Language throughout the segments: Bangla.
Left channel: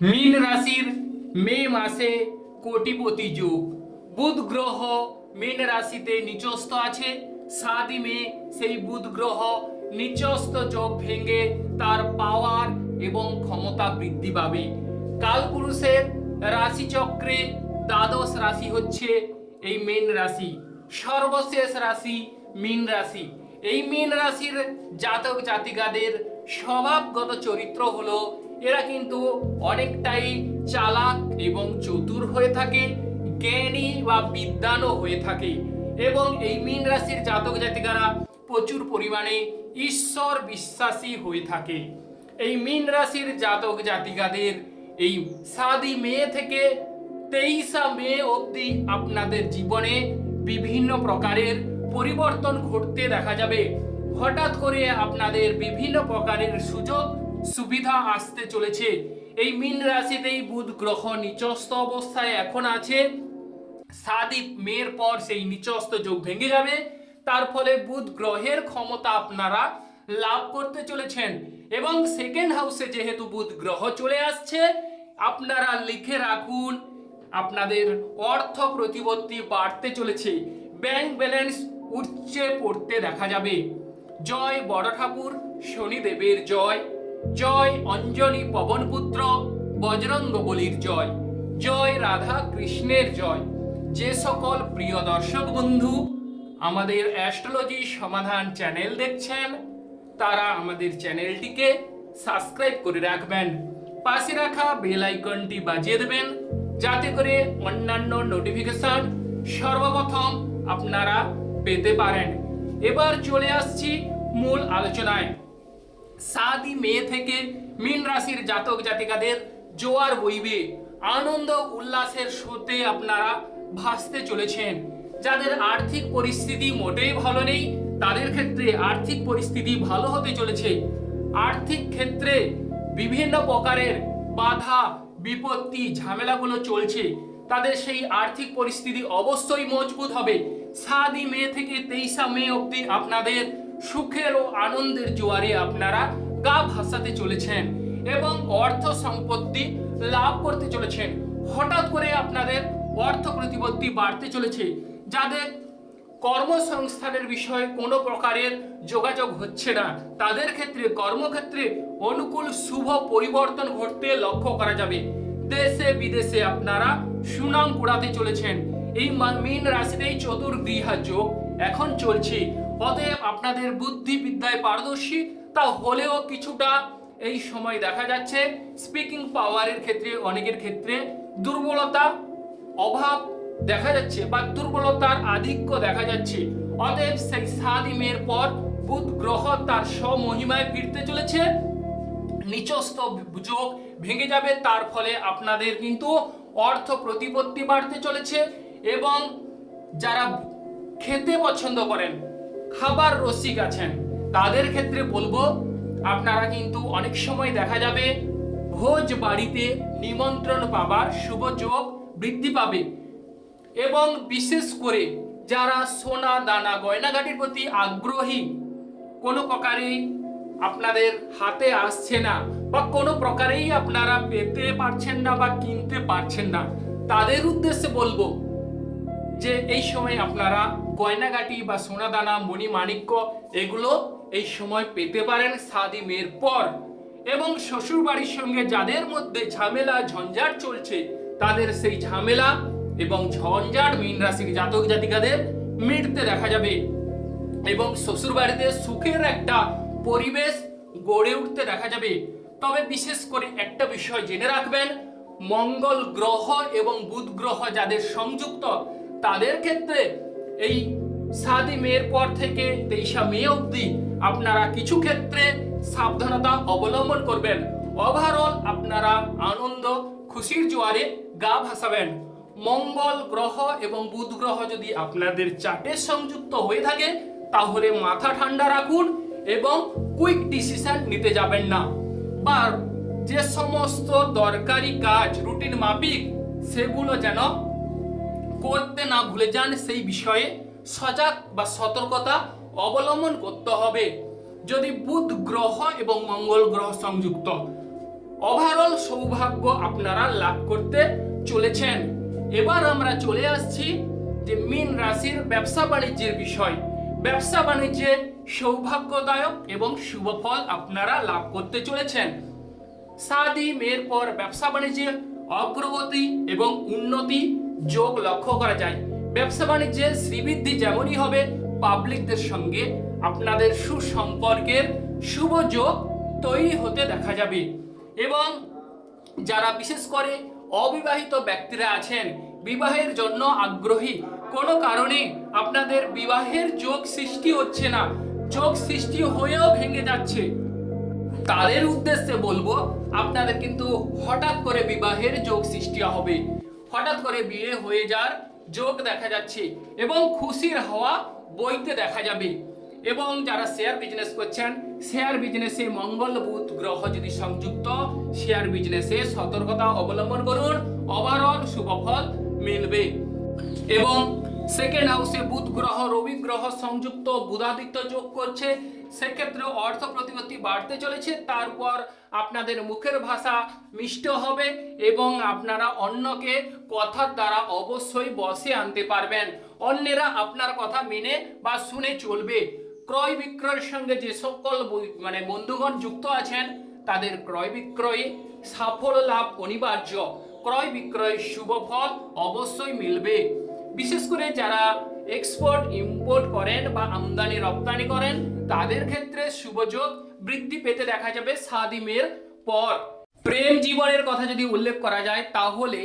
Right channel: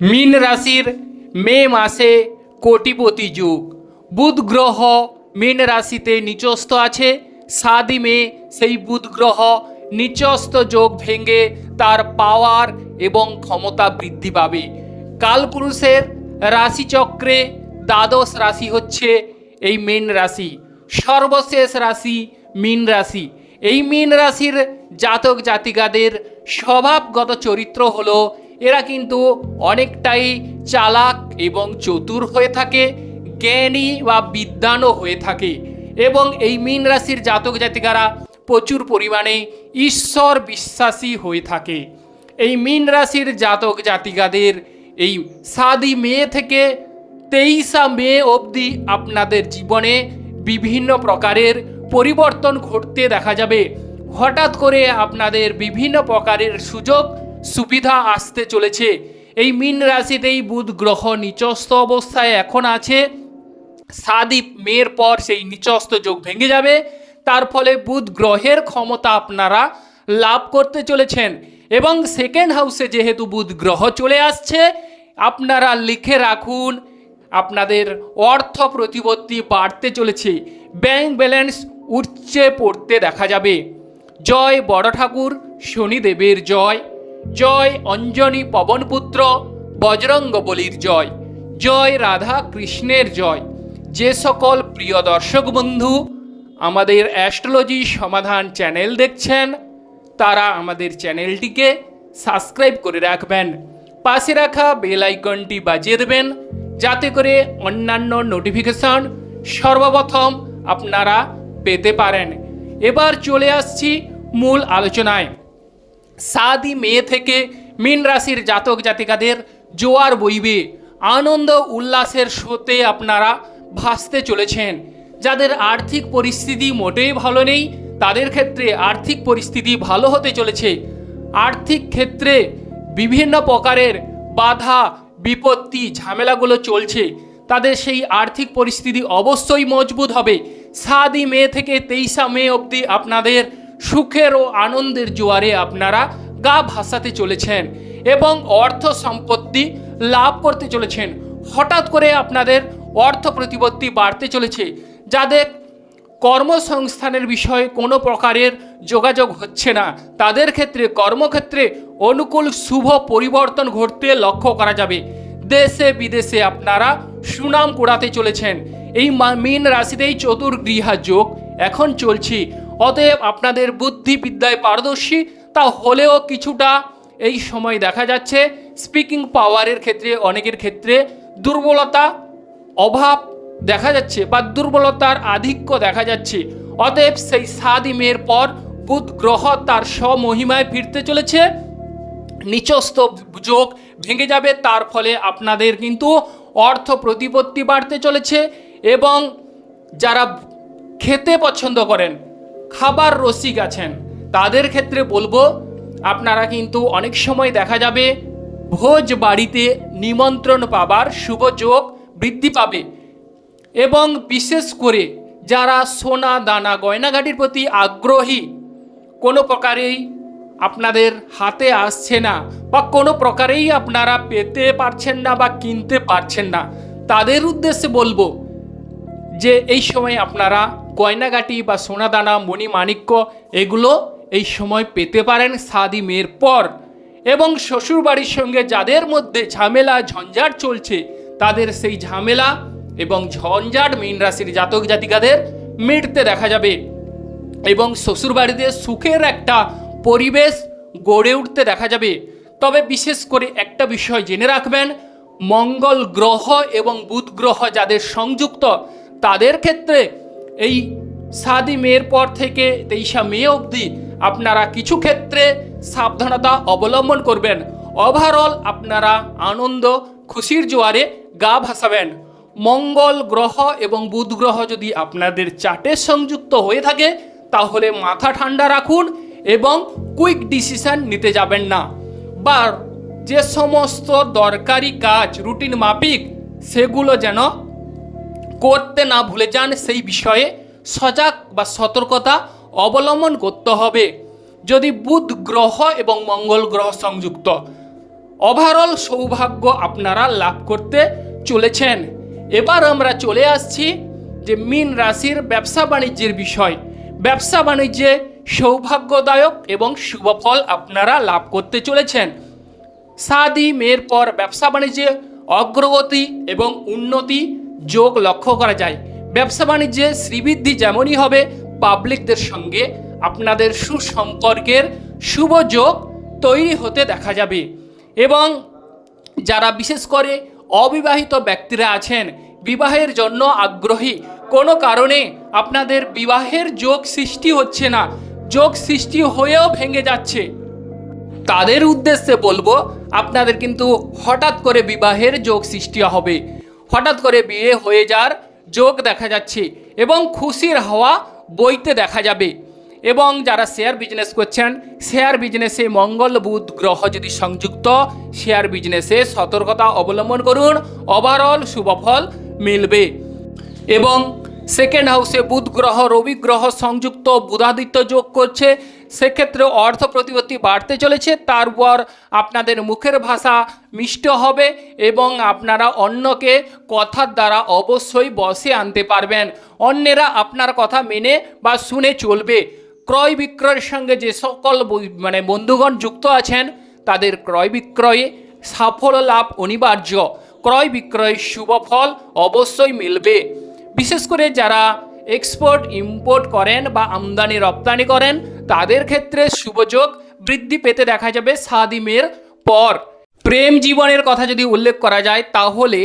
মীন রাশির মে মাসে কোটিপতি যুগ। বুধ গ্রহ মীন রাশিতে নিচস্থ আছে। সাদি মে সেই বুধ গ্রহ নিচস্থ যোগ ভেঙে তার পাওয়ার এবং ক্ষমতা বৃদ্ধি পাবে। কালপুরুষের রাশিচক্রে দ্বাদশ রাশি হচ্ছে এই মীন রাশি। সর্বশেষ রাশি মীন রাশি। এই মীন রাশির জাতক জাতিকাদের স্বভাবগত চরিত্র হলো এরা কিন্তু অনেকটাই চালাক এবং চতুর হয়ে থাকে, জ্ঞানী বা বিদ্বানও হয়ে থাকে এবং এই মীন রাশির জাতক জাতিকারা প্রচুর পরিমাণে ঈশ্বর বিশ্বাসী হয়ে থাকে। এই মীন রাশির জাতক জাতিকাদের এই সাদি মে থেকে তেইশা মে অবধি আপনাদের জীবনে বিভিন্ন প্রকারের পরিবর্তন ঘটতে দেখা যাবে। হঠাৎ করে আপনাদের বিভিন্ন প্রকারের সুযোগ সুবিধা আসতে চলেছে। এই মীন রাশিতেই বুধ গ্রহ নিচস্থ অবস্থায় এখন আছে। সাদীপ মেয়ের পর সেই নিচস্থ যোগ ভেঙে যাবে। তার ফলে বুধ গ্রহের ক্ষমতা আপনারা লাভ করতে চলেছেন। এবং সেকেন্ড হাউসে যেহেতু বুধ গ্রহ চলে আসছে, আপনারা লিখে রাখুন, আপনাদের অর্থ প্রতিপত্তি বাড়তে চলেছে। ব্যাংক ব্যালেন্স উচ্চে পড়তে দেখা যাবে। জয় বড় ঠাকুর, শনিদেবের জয়। জয় অঞ্জনী পবনপুত্র, বজরঙ্গ বলির জয়। জয় রাধা কৃষ্ণের জয়। যে সকল প্রিয় দর্শক বন্ধু আমাদের অ্যাস্ট্রোলজি সমাধান চ্যানেল দেখছেন, তারা আমাদের চ্যানেলটিকে সাবস্ক্রাইব করে রাখবেন। পাশে রাখা বেল আইকনটি বাজিয়ে দেবেন, যাতে করে অন্যান্য নোটিফিকেশন সর্বপ্রথম আপনারা পেতে পারেন। এবার চলে আসছি মূল আলোচনায়। সাদি মে থেকে মীন রাশির জাতক জাতিকাদের জোয়ার বইবে। আনন্দ উল্লাসের স্রোতে আপনারা ভাসতে চলেছেন। যাদের আর্থিক পরিস্থিতি মোটেই ভালো নেই, তাদের ক্ষেত্রে আর্থিক পরিস্থিতি ভালো হতে চলেছে। আর্থিক ক্ষেত্রে বিভিন্ন প্রকারের বাধা, বিপত্তি, ঝামেলাগুলো চলছে। তাদের সেই আর্থিক পরিস্থিতি অবশ্যই মজবুত হবে। সাদি মে থেকে তেইশা মে অবধি আপনাদের সুখের ও আনন্দের জোয়ারে আপনারা গা ভাসাতে চলেছেন এবং অর্থ সম্পত্তি লাভ করতে চলেছেন। হঠাৎ করে আপনাদের অর্থ প্রতিপত্তি বাড়তে চলেছে, যাদের কর্মসংস্থানের বিষয়ে কোনো প্রকারের যোগাযোগ হচ্ছে না। তাদের ক্ষেত্রে কর্মক্ষেত্রে অনুকূল শুভ পরিবর্তন ঘটতে লক্ষ্য করা যাবে। দেশে বিদেশে আপনারা সুনাম কুড়াতে চলেছেন। এই মা- মীন রাশিতেই চতুর্গৃহা যোগ এখন চলছে। অতএব আপনাদের বুদ্ধিবিদ্যায় পারদর্শী, তা হলেও কিছুটা এই সময় দেখা যাচ্ছে স্পিকিং পাওয়ারের ক্ষেত্রে, অনেকের ক্ষেত্রে দুর্বলতা, অভাব দেখা যাচ্ছে বা দুর্বলতার আধিক্য দেখা যাচ্ছে। অতএব সেই সাদি মেয়ের পর বুধ গ্রহ তার স্বমহিমায় ফিরতে চলেছে। নিচস্থ যোগ ভেঙে যাবে, তার ফলে আপনাদের কিন্তু অর্থ প্রতিপত্তি বাড়তে চলেছে এবং যারা খেতে পছন্দ করেন খাবার রসিক আছেন। তাদের ক্ষেত্রে বলব, আপনারা কিন্তু অনেক সময় দেখা যাবে ভোজ বাড়িতে নিমন্ত্রণ পাবার শুভ যোগ বৃদ্ধি পাবে। এবং বিশেষ করে যারা সোনা, দানা গয়নাঘাটির প্রতি আগ্রহী, কোনো প্রকারেই আপনাদের হাতে আসছে না বা কোনো প্রকারেই আপনারা পেতে পারছেন না বা কিনতে পারছেন না। তাদের উদ্দেশ্যে বলব যে, এই সময় আপনারা গয়নাগাটি বা সোনাদানা মণিমাণিক্য এগুলো এই সময় পেতে পারেন সাদি মেয়ের পর। এবং শ্বশুরবাড়ির সঙ্গে যাদের মধ্যে ঝামেলা, ঝঞ্ঝাট চলছে, তাদের সেই ঝামেলা এবং ঝঞ্ঝাট মীন রাশির জাতক জাতিকাদের মিটতে দেখা যাবে। এবং শ্বশুরবাড়িতে সুখের একটা পরিবেশ গড়ে উঠতে দেখা যাবে। তবে বিশেষ করে একটা বিষয় জেনে রাখবেন, মঙ্গল গ্রহ এবং বুধ গ্রহ যাদের সংযুক্ত, তাদের ক্ষেত্রে এই সাদি মেয়ের পর থেকে তেইশা মে অবধি আপনারা কিছু ক্ষেত্রে সাবধানতা অবলম্বন করবেন। ওভারঅল আপনারা আনন্দ, খুশির জোয়ারে গা ভাসাবেন। মঙ্গল গ্রহ এবং বুধ গ্রহ যদি আপনাদের চার্টে সংযুক্ত হয়ে থাকে, তাহলে মাথা ঠান্ডা রাখুন এবং কুইক ডিসিশন নিতে যাবেন না। বা যে সমস্ত দরকারি কাজ, রুটিন, মাফিক, সেগুলো যেন করতে না ভুলে যান সেই বিষয়ে সজাগ বা সতর্কতা অবলম্বন করতে হবে। যদি বুধ গ্রহ এবং মঙ্গল গ্রহ সংযুক্ত ওভারঅল সৌভাগ্য আপনারা লাভ করতে চলেছেন। এবার আমরা চলে আসছি যে মীন রাশির ব্যবসা বাণিজ্যের বিষয়। ব্যবসা বাণিজ্যে সৌভাগ্যদায়ক এবং শুভফল আপনারা লাভ করতে চলেছেন। সাদি, মেয়ের পর ব্যবসা বাণিজ্যে অগ্রগতি এবং উন্নতি যোগ লক্ষ্য করা যায়। ব্যবসা বাণিজ্যে শ্রীবৃদ্ধি যেমনই হবে পাবলিকদের সঙ্গে আপনাদের সুসম্পর্কের শুভ যোগ তৈরি হতে দেখা যাবে। এবং যারা বিশেষ করে অবিবাহিত ব্যক্তিরা আছেন, বিবাহের জন্য আগ্রহী, কোনো কারণে আপনাদের বিবাহের যোগ সৃষ্টি হচ্ছে না, যোগ সৃষ্টি হয়েও ভেঙে যাচ্ছে। তাদের উদ্দেশ্যে বলব, আপনাদের কিন্তু হঠাৎ করে বিবাহের যোগ সৃষ্টি হবে। হঠাৎ করে বিয়ে হয়ে যাওয়ার যোগ দেখা যাচ্ছে এবং খুশির হওয়া বইতে দেখা যাবে। এবং যারা শেয়ার বিজনেস করছেন শেয়ার বিজনেসে মঙ্গল বুধ গ্রহ যদি সংযুক্ত শেয়ার বিজনেসে সতর্কতা অবলম্বন করুন ওভারঅল শুভফল মিলবে। এবং সেকেন্ড হাউসে বুধ গ্রহ, রবি গ্রহ সংযুক্ত, বুধাদিত্য যোগ করছে সেক্ষেত্রে অর্থ প্রতিপত্তি বাড়তে চলেছে তারপর আপনাদের মুখের ভাষা মিষ্ট হবে এবং আপনারা অন্যকে কথার দ্বারা অবশ্যই বসে আনতে পারবেন। অন্যেরা আপনার কথা মেনে বা শুনে চলবে। ক্রয় বিক্রয়ের সঙ্গে যে সকল মানে বন্ধুগণ যুক্ত আছেন, তাদের ক্রয় বিক্রয়ে সাফল্য লাভ অনিবার্য। ক্রয় বিক্রয়ের শুভ ফল অবশ্যই মিলবে। বিশেষ করে যারা এক্সপোর্ট ইম্পোর্ট করেন বা আমদানি রপ্তানি করেন তাদের ক্ষেত্রে শুভযোগ বৃদ্ধি পেতে দেখা যাবে সাদিমের পর। প্রেম জীবনের কথা যদি উল্লেখ করা যায়, তাহলে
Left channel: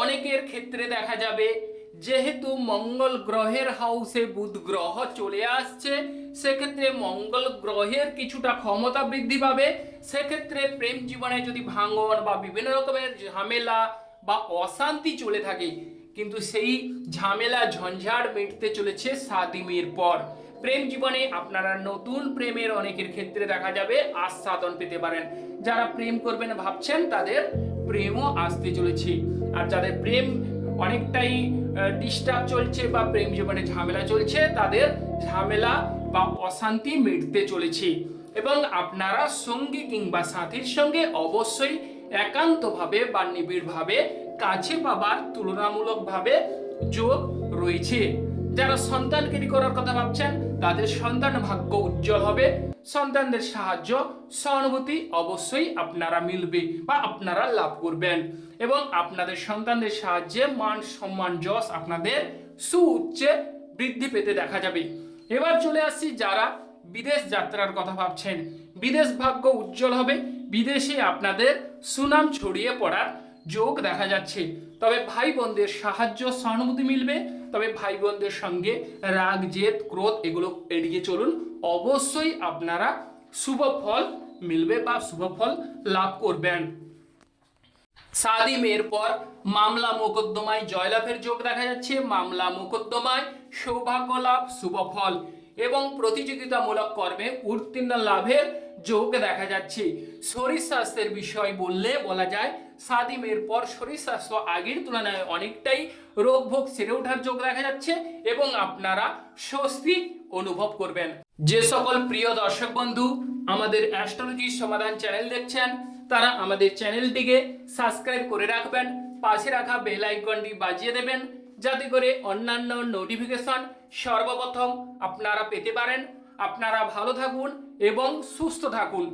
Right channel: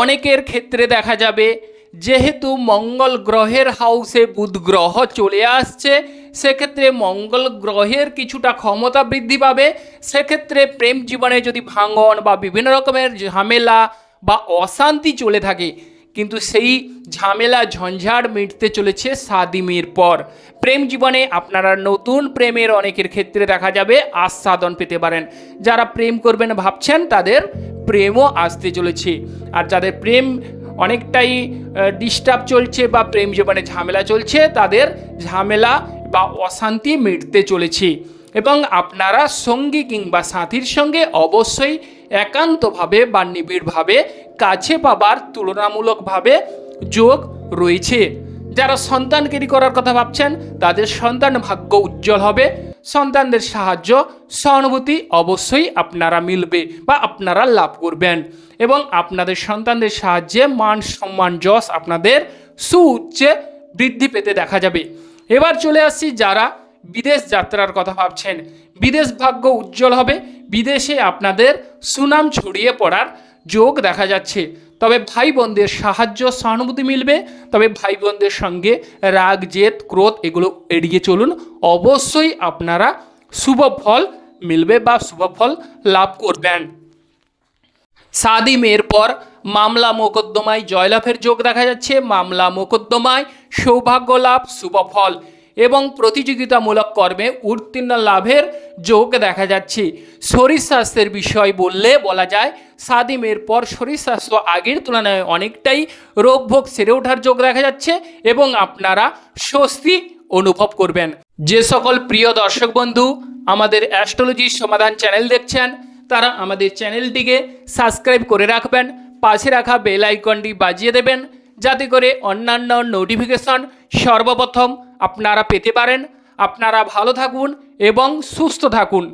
অনেকের ক্ষেত্রে দেখা যাবে, যেহেতু মঙ্গল গ্রহের হাউসে বুধ গ্রহ চলে আসছে, সেক্ষেত্রে মঙ্গল গ্রহের কিছুটা ক্ষমতা বৃদ্ধি পাবে। সেক্ষেত্রে প্রেম জীবনে যদি ভাঙন বা বিভিন্ন রকমের ঝামেলা বা অশান্তি চলে থাকে কিন্তু সেই ঝামেলা, ঝঞ্ঝাট মিটতে চলেছে সাদিমের পর। প্রেম জীবনে আপনারা নতুন প্রেমের অনেকের ক্ষেত্রে দেখা যাবে আস্বাদন পেতে পারেন। যারা প্রেম করবেন ভাবছেন, তাদের প্রেমও আসতে চলেছে। আর যাদের প্রেম অনেকটাই ডিস্টার্ব চলছে বা প্রেম জীবনে ঝামেলা চলছে, তাদের ঝামেলা বা অশান্তি মিটতে চলেছে। এবং আপনারা সঙ্গী কিংবা সাথীর সঙ্গে অবশ্যই একান্তভাবে বা নিবিড়ভাবে কাছে পাবার তুলনামূলকভাবে যোগ রয়েছে। যারা সন্তানকেরি করার কথা ভাবছেন, তাদের সন্তান ভাগ্য উজ্জ্বল হবে। সন্তানদের সাহায্য, সহানুভূতি অবশ্যই আপনারা মিলবে বা আপনারা লাভ করবেন। এবং আপনাদের সন্তানদের সাহায্যে মান সম্মান যশ আপনাদের সুউচ্চে বৃদ্ধি পেতে দেখা যাবে। এবার চলে আসছি যারা বিদেশ যাত্রার কথা ভাবছেন। বিদেশ ভাগ্য উজ্জ্বল হবে। বিদেশে আপনাদের সুনাম ছড়িয়ে পড়ার যোগ দেখা যাচ্ছে। তবে ভাই বোনদের সাহায্য, সহানুভূতি মিলবে। তবে ভাই বোনদের সঙ্গে রাগ, জেদ, ক্রোধ এগুলো এড়িয়ে চলুন। অবশ্যই আপনারা শুভ ফল মিলবে বা শুভ ফল লাভ করবেন। সাদি মেয়ের পর মামলা মোকদ্দমায় জয়লাভের যোগ দেখা যাচ্ছে। মামলা মোকদ্দমায় সৌভাগ্য লাভ শুভফল এবং প্রতিযোগিতামূলক কর্মে উত্তীর্ণ লাভের যোগ দেখা যাচ্ছে। শরীর স্বাস্থ্যের বিষয় বললে বলা যায় সাদি মেয়ের পর শরীর স্বাস্থ্য আগের তুলনায় অনেকটাই রোগভোগ সেরে ওঠার যোগ দেখা যাচ্ছে এবং আপনারা স্বস্তি অনুভব করবেন। যে সকল প্রিয় দর্শক বন্ধু আমাদের অ্যাস্ট্রোলজি সমাধান চ্যানেল দেখছেন, তারা আমাদের চ্যানেলটিকে সাবস্ক্রাইব করে রাখবেন, পাশে রাখা বেল আইকনটি বাজিয়ে দেবেন যাতে করে অন্যান্য নোটিফিকেশন সর্বপ্রথম আপনারা পেতে পারেন। আপনারা ভালো থাকুন এবং সুস্থ থাকুন।